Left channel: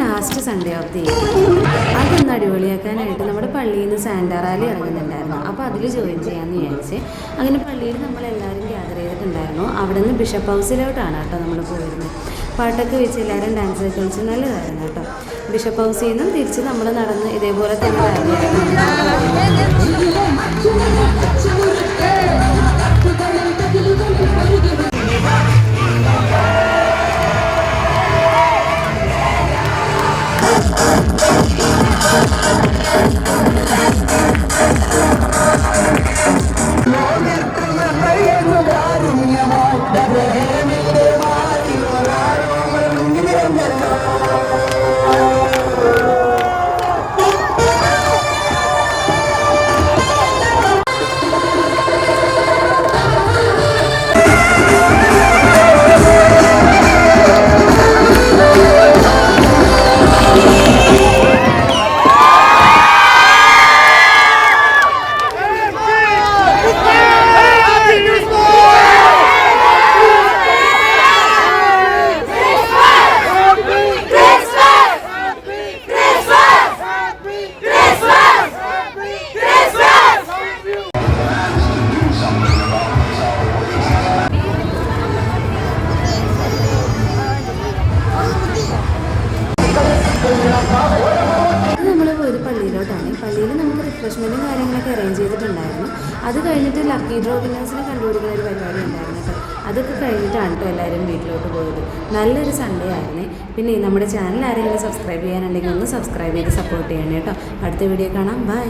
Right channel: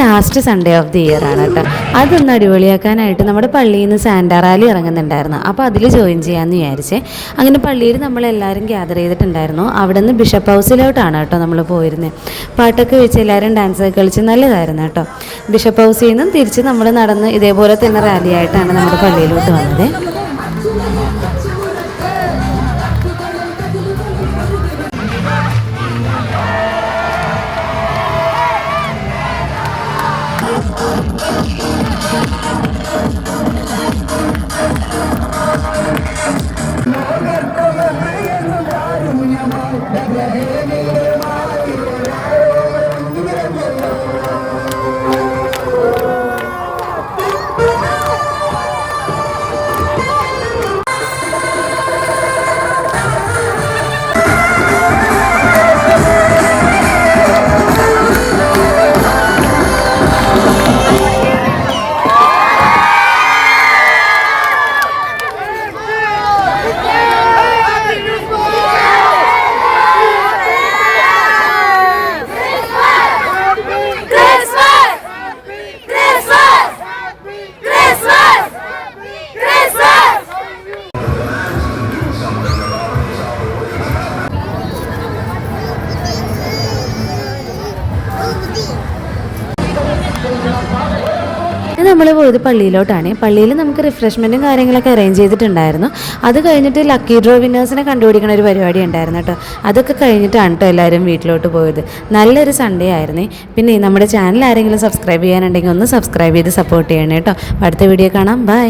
Last Sunday off the year ആണ് കേട്ടോ. അതൊന്ന് അടിപൊളിയാക്കാനായിട്ട് നമ്മുടെ പള്ളിയിൽ നിന്ന് സാന്റാ റാലി ഇറങ്ങുന്നുണ്ടായിരുന്നു. അപ്പോൾ അതിൽ ജോയിൻ ചെയ്യാമെന്ന് വിചാരിച്ചേ. അങ്ങനെ പള്ളിയിൽ നമ്മളെല്ലാവരും ഗ്യാദർ ചെയ്തിട്ടുണ്ടായിരുന്നു. അവിടെ നിന്ന് ബിഷപ്പ് ഹൗസിലോട്ടാണ് കേട്ടോ നമ്മൾ പോയിരുന്നത്. പാട്ടൊക്കെ വെച്ച് എല്ലാവരും ഡാൻസൊക്കെ കളിച്ച് നല്ലതായിരുന്നു കേട്ടോ. ബിഷപ്പ് ഹൗസിൽ നിന്നും തിരിച്ച് നമ്മൾ നടന്ന് ഇതേപോലെ തന്നെ റാലിയായിട്ടാണ് നമ്മുടെ പള്ളിയിലോട്ട് വന്നത്. നമ്മൾ പോയത് പള്ളിയിലോട്ടാണ്. പള്ളിയിൽ നമുക്ക് റിഫ്രഷ്മെൻറ്റും കാര്യങ്ങളൊക്കെ അറേഞ്ച് ചെയ്തിട്ടുണ്ടായിരുന്നു. അത് കഴിഞ്ഞിട്ട് ലക്കി ഡ്രോ വിന്നേഴ്സിനെ കണ്ടുപിടിക്കുന്ന ഒരു പരിപാടി ഉണ്ടായിരുന്നു കേട്ടോ. അതൊക്കെ കഴിഞ്ഞിട്ടാണ് കേട്ടോ എല്ലാവരും വീട്ടിലോട്ട് പോയത്. നല്ലൊരു സൺഡേ ആയിരുന്നേ. പിന്നെ നമ്മുടെ ചാനൽ ആരെങ്കിലും സബ്സ്ക്രൈബ് ചെയ്യാനുണ്ടെങ്കിൽ ഒന്ന് സബ്സ്ക്രൈബ് ചെയ്ത് സപ്പോർട്ട് ചെയ്യണേ കേട്ടോ. അടുത്ത വീഡിയോ കാണാം. ബൈ.